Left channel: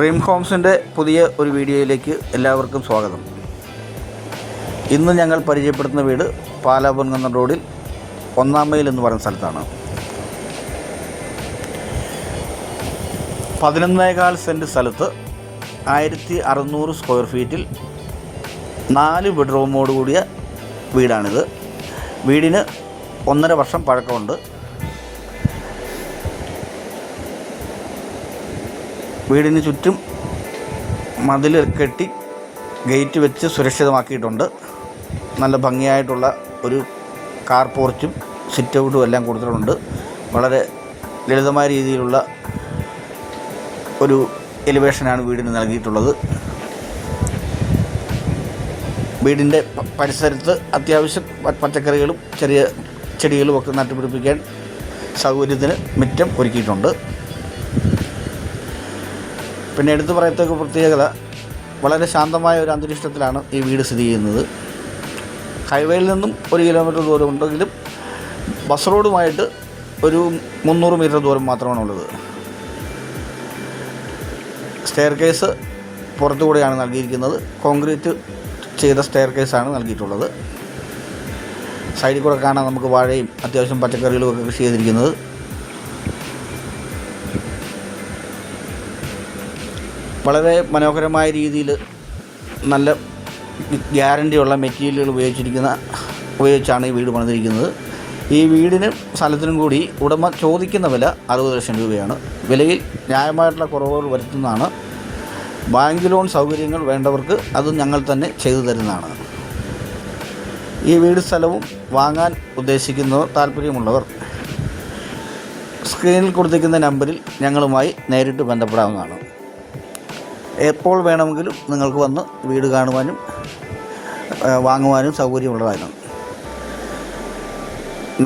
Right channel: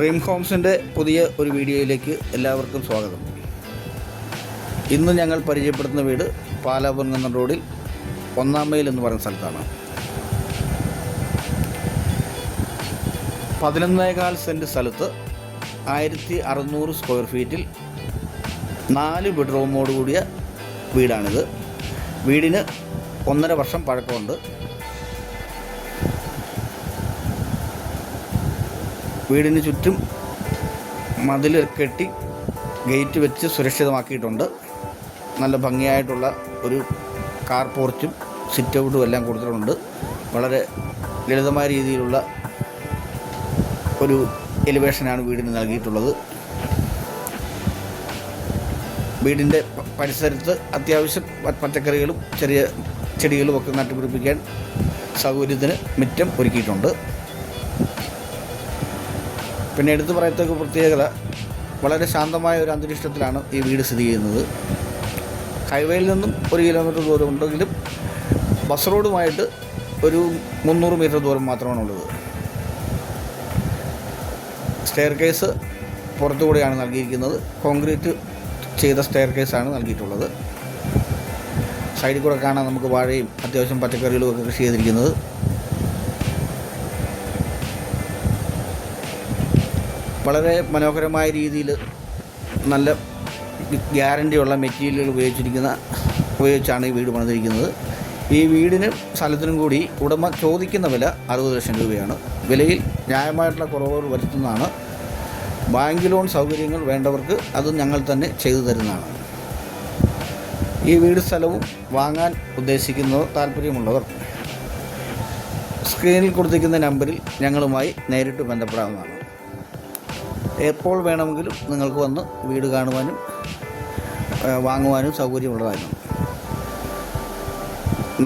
Dream ഹോംസിൻ്റെ പുതിയ ഒരു വീഡിയോയിലേക്ക് എല്ലാവർക്കും സ്വാഗതം. ഇന്ന് ഞങ്ങൾ പരിചയപ്പെടുത്തുന്ന വീട് പാലാപുരം റോഡിൽ 1-ാം മൈൽ എന്ന് പറയുന്ന സ്ഥലത്താണ്. 11.25 സെൻറ്റ് സ്ഥലത്ത് 1600 സ്ക്വയർ ഫീറ്റിൽ 4 ബെഡ്റൂമോട് കൂടിയ വീടാണിത്. വീടിന് 1.5 വർഷം പഴക്കമുണ്ട്. വീടിന് ചുറ്റും മതിൽ കെട്ടി ഗേറ്റ് വെച്ച് സുരക്ഷിതമാക്കിയിട്ടുണ്ട്. നല്ല ഭംഗിയായിട്ടുള്ള ഒരു കാർ പോർച്ചും സിറ്റ് ഔട്ടും എല്ലാം കൊടുത്തിട്ടുണ്ട്. വളരെ ലളിതമായ രീതിയിലുള്ള ഒരു എലിവേഷനാണ് വീടിന് നൽകിയിട്ടുള്ളത്. വീടിൻ്റെ പരിസരത്ത് അത്യാവശ്യം പച്ചക്കറികളും ചെറിയ ചെടികളും ഒക്കെ നട്ടുപിടിപ്പിക്കാൻ സൗകര്യത്തിന് മുറ്റം ഒരുക്കിയിട്ടുണ്ട്. പിന്നെ എടുത്തു പറയത്തക്ക പ്രത്യേകത, വളരെ ശാന്തമായ ഒരു അന്തരീക്ഷത്തിലാണ് ഈ വീട് സ്ഥിതി ചെയ്യുന്നത്. ഹൈവേയിൽ നിന്നും 1 കിലോമീറ്റർ ദൂരം ഉണ്ടെങ്കിലും ബസ് റോഡുമായിട്ട് ഒരു 300 മീറ്റർ ദൂരം മാത്രമാണുള്ളത്. സ്റ്റെയർ കേസ് പുറത്തുകൂടെയാണ് നൽകിയിരിക്കുന്നത്. കോൺക്രീറ്റ് ചെയ്ത സ്റ്റെയർ കേസാണ് നൽകിയിട്ടുള്ളത്. സൈഡിൽ കൂടെ കാണാൻ നമുക്ക് വാഴയും അത്യാവശ്യം പച്ചക്കറികളും ഒക്കെ കൃഷി ചെയ്തിരിക്കുന്നത്. വളരെ മനോഹരമായ രീതിയിൽ നല്ല ഗ്യാരണ്ടിയുള്ള മെറ്റീരിയലുകൾ ഉപയോഗിച്ചാണ് ഈ വീട് പണിതിരിക്കുന്നത്. ഈ വീടിന് സ്ഥലത്തിനും കൂടി ഉടമ ചോദിക്കുന്ന വില 60 ലക്ഷം രൂപയാണ്. വിലയിൽ ന്യായമായിട്ടുള്ള കുറവുകൾ വരുത്തുന്നതാണ്. ബാങ്ക് ലോൺ സൗകര്യങ്ങൾ വേണ്ടവർക്ക് അത് ഞങ്ങൾ തന്നെ ചെയ്തു തരുന്നതാണ്. ഈ വീട് സ്ഥലവും വാങ്ങാൻ ഉദ്ദേശിക്കുന്നവർ, താല്പര്യമുള്ളവർ സ്ക്രീനിൽ കൊടുത്തിരിക്കുന്ന നമ്പറിൽ ഞങ്ങളുമായി നേരിട്ട് ബന്ധപ്പെടാവുന്നതാണ്. എപ്പോൾ വേണമെങ്കിലും നിങ്ങൾക്ക് വന്ന് വീട് കാണുവാനും വാങ്ങുവാനും സൗകര്യമുള്ളതാണ്.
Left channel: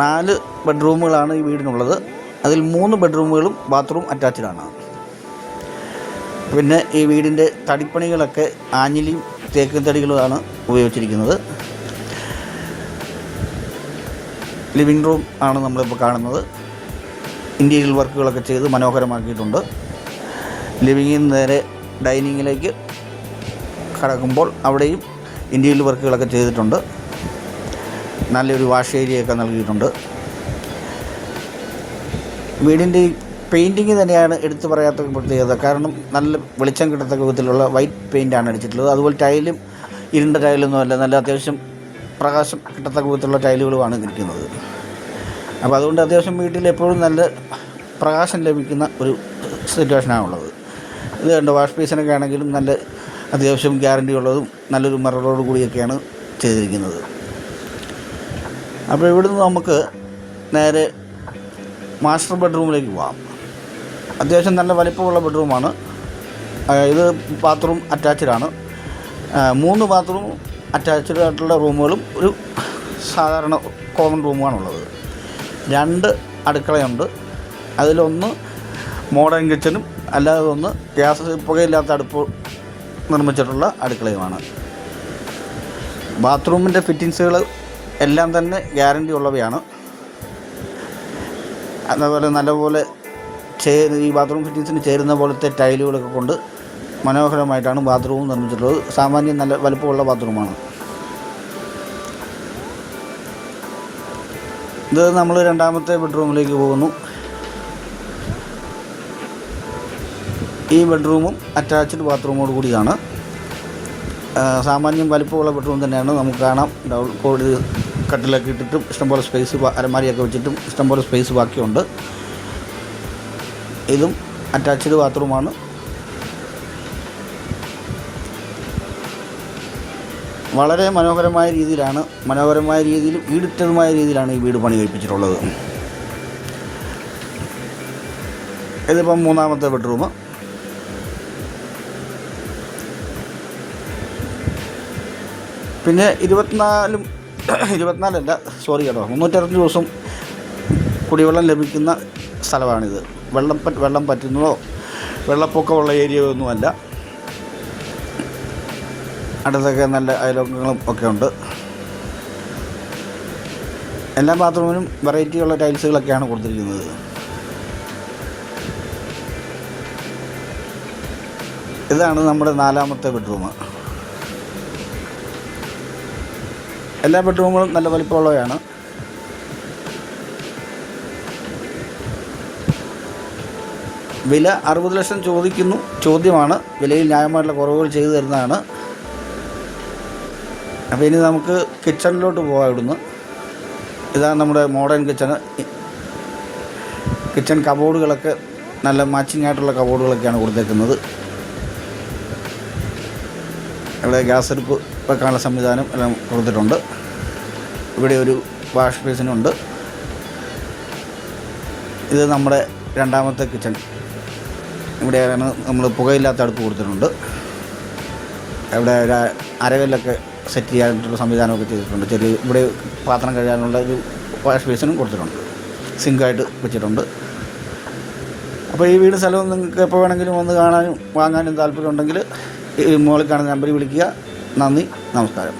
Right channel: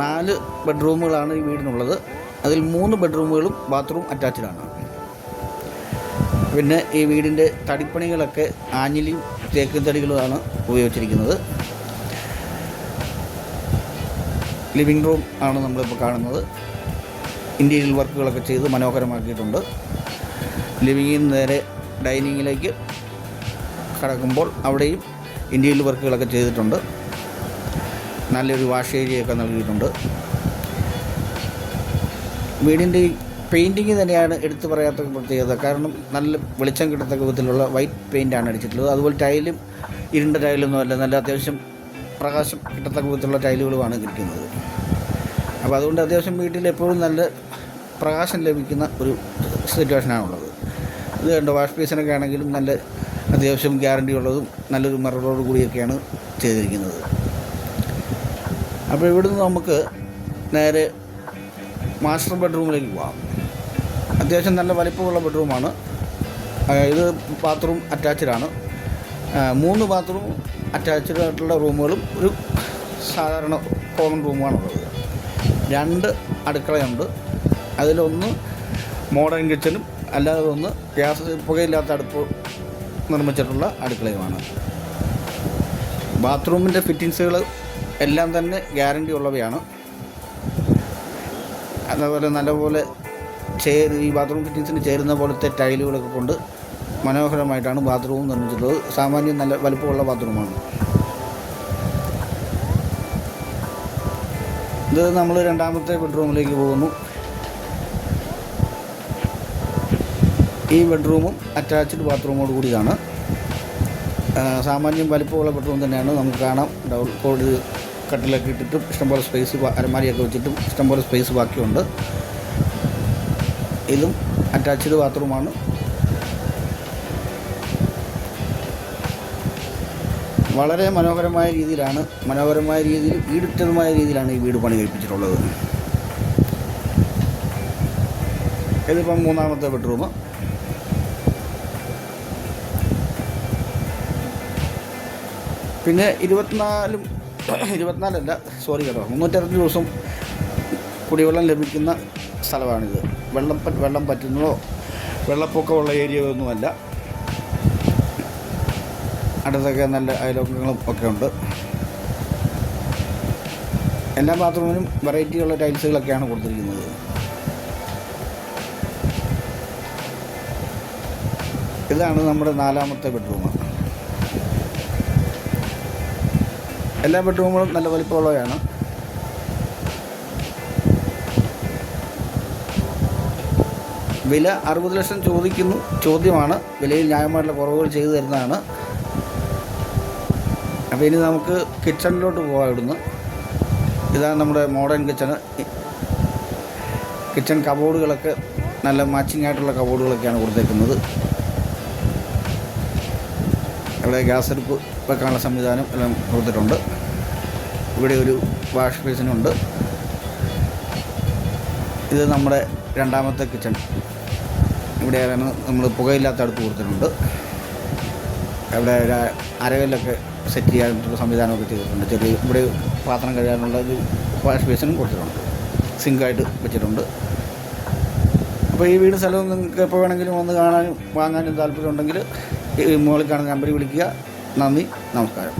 4 ബെഡ്റൂമുകളാണ് ഈ വീടിനുള്ളത്. അതിൽ 3 ബെഡ്റൂമുകളും ബാത്റൂം അറ്റാച്ച്ഡാണ്. പിന്നെ ഈ വീടിൻ്റെ തടിപ്പണികളൊക്കെ ആഞ്ഞിലിയും തേക്കും തടികളുമാണ് ഉപയോഗിച്ചിരിക്കുന്നത്. ലിവിങ് റൂം ആണ് നമ്മളിപ്പോൾ കാണുന്നത്. ഇൻറ്റീരിയൽ വർക്കുകളൊക്കെ ചെയ്ത് മനോഹരമാക്കിയിട്ടുണ്ട്. ലിവിങ്ങിൽ നിന്ന് നേരെ ഡൈനിങ്ങിലേക്ക് കടക്കുമ്പോൾ അവിടെയും ഇൻറ്റീരിയൽ വർക്കുകളൊക്കെ ചെയ്തിട്ടുണ്ട്. നല്ലൊരു വാഷ് ഏരിയയൊക്കെ നൽകിയിട്ടുണ്ട്. വീടിൻ്റെ പെയിൻറ്റിങ് തന്നെയാണ് എടുത്തു പറയാത്ത പ്രത്യേകത. കാരണം നല്ല വെളിച്ചം കിട്ടത്തക്ക വിധത്തിലുള്ള വൈറ്റ് പെയിൻ്റാണ് അടിച്ചിട്ടുള്ളത്. അതുപോലെ ടൈലും ഇരുണ്ട ടൈലൊന്നും അല്ല, നല്ല അത്യാവശ്യം പ്രകാശം കിട്ടത്തക്ക വിധത്തിലുള്ള ടൈലുകളുമാണ് ഇരിക്കുന്നത്. അപ്പോൾ അതുകൊണ്ട് അത്യാവശ്യം വീട്ടിൽ എപ്പോഴും നല്ല പ്രകാശം ലഭിക്കുന്ന ഒരു സിറ്റുവേഷനാണുള്ളത്. ഇത് കണ്ട് വാഷ് ബേസിനൊക്കെ ആണെങ്കിലും നല്ല അത്യാവശ്യം ഗ്യാരണ്ടി ഉള്ളതും നല്ലൊരു മിററോട് കൂടിയൊക്കെയാണ് ചെയ്തിരിക്കുന്നത്. അപ്പോൾ ഇവിടുന്ന് നമുക്ക് നേരെ മാസ്റ്റർ ബെഡ്റൂമിലേക്ക് പോകാം. അത്യാവശ്യം നല്ല വലിപ്പമുള്ള ബെഡ്റൂമാണ് ഇത്. ബാത്റൂം അറ്റാച്ച്ഡാണ്. 3 ബാത്റൂം അറ്റാച്ച്ഡ് ആയിട്ടുള്ള റൂമുകളും ഒരു സാധാരണ കോമൺ റൂമുമാണുള്ളത്. 2 അടുക്കളയുണ്ട്. അതിലൊന്ന് മോഡേൺ കിച്ചനും അല്ലാതെ ഒന്ന് ഗ്യാസ് പുകയില്ലാത്ത അടുപ്പ് നിർമ്മിച്ചിട്ടുള്ള അടുക്കളയുമാണ്. ബാത്റൂമിൻ്റെ ഫിറ്റിങ്സുകൾ എല്ലാം തന്നെ ഗ്യാരണ്ടി ഉള്ളവയാണ്. അതുപോലെ നല്ലപോലെ ഈ ബാത്റൂം ഫിറ്റിങ്സിന് ചേരുന്ന പോലത്തെ ടൈലുകളൊക്കെ കൊണ്ട് മനോഹരമായിട്ടാണ് ബാത്റൂം നിർമ്മിച്ചിട്ടുള്ളത്. സാമാന്യം നല്ല വലുപ്പമുള്ള ബാത്റൂമാണ് ഇത്. നമ്മൾ 2ാമത്തെ ബെഡ്റൂമിലേക്ക് പോകുന്നു. ഈ ബെഡ്റൂമും അറ്റാച്ച്ഡ് ബാത്റൂമോട് കൂടിയാണ്. സാമാന്യം വലിപ്പമുള്ള ബെഡ്റൂം തന്നെയാണ്. നമുക്ക് കാണാം, കോടി കട്ടിലൊക്കെ ഇട്ടിട്ടും ഇഷ്ടംപോലെ സ്പേസ്, അലമാരിയൊക്കെ വെച്ചിട്ടും ഇഷ്ടംപോലെ സ്പേസ് ബാക്കിയുണ്ട്. ഇതും അറ്റാച്ച്ഡ് ബാത്റൂമാണ്. വളരെ മനോഹരമായ രീതിയിൽ ഈടുറ്റതുമായ രീതിയിലാണ് ഈ വീട് പണി കഴിപ്പിച്ചിട്ടുള്ളത്. ഇതിപ്പം 3ാമത്തെ ബെഡ്റൂം. പിന്നെ 365 ദിവസം കുടിവെള്ളം ലഭിക്കുന്ന സ്ഥലമാണിത്. വെള്ളം പറ്റുന്നതോ വെള്ളപ്പൊക്കമുള്ള ഏരിയയൊന്നുമല്ല. അടുത്തൊക്കെ നല്ല അയൽവക്കങ്ങളും ഒക്കെ ഉണ്ട്. എല്ലാ ബാത്റൂമിനും വെറൈറ്റിയുള്ള ടൈൽസുകളൊക്കെയാണ് കൊടുത്തിരിക്കുന്നത്. ഇതാണ് നമ്മുടെ 4ാമത്തെ ബെഡ്റൂം. എല്ലാ ബെഡ്റൂമുകളും നല്ല വലിപ്പമുള്ളവയാണ്. വില 60 ലക്ഷം ചോദ്യമാണ്. വിലയിൽ ന്യായമായിട്ടുള്ള കുറവുകൾ ചെയ്തു തരുന്നതാണ്. അപ്പോൾ ഇനി നമുക്ക് കിച്ചണിലോട്ട് പോകാം. ഇവിടുന്ന് ഇതാണ് നമ്മുടെ മോഡേൺ കിച്ചൺ കബോർഡുകളൊക്കെ നല്ല മാച്ചിങ് ആയിട്ടുള്ള കബോർഡുകളൊക്കെയാണ് കൊടുത്തേക്കുന്നത്. ഇവിടെ ഗ്യാസ് അടുപ്പ് വെക്കാനുള്ള സംവിധാനം എല്ലാം കൊടുത്തിട്ടുണ്ട്. ഇവിടെ ഒരു വാഷ് ബേസിനുണ്ട്. ഇത് നമ്മുടെ 2ാമത്തെ കിച്ചൺ. ഇവിടെയാണ് നമ്മൾ പുകയില്ലാത്ത അടുപ്പ് കൊടുത്തിട്ടുണ്ട്. ഇവിടെ ഒരു അരകല്ലൊക്കെ സെറ്റ് ചെയ്യാനായിട്ടുള്ള സംവിധാനമൊക്കെ ചെയ്തിട്ടുണ്ട്. ഇവിടെ പാത്രം കഴുകാനുള്ള ഒരു വാഷ് ബേസിനും കൊടുത്തിട്ടുണ്ട്. സിങ്കായിട്ട് വെച്ചിട്ടുണ്ട്. അപ്പോൾ ഈ വീട് സ്ഥലവും നിങ്ങൾക്ക് എപ്പോൾ വേണമെങ്കിലും ഒന്ന് കാണാനും വാങ്ങാനും താല്പര്യമുണ്ടെങ്കിൽ ഈ മുകളിൽ കാണുന്ന നമ്പറിൽ വിളിക്കുക. നന്ദി, നമസ്കാരം.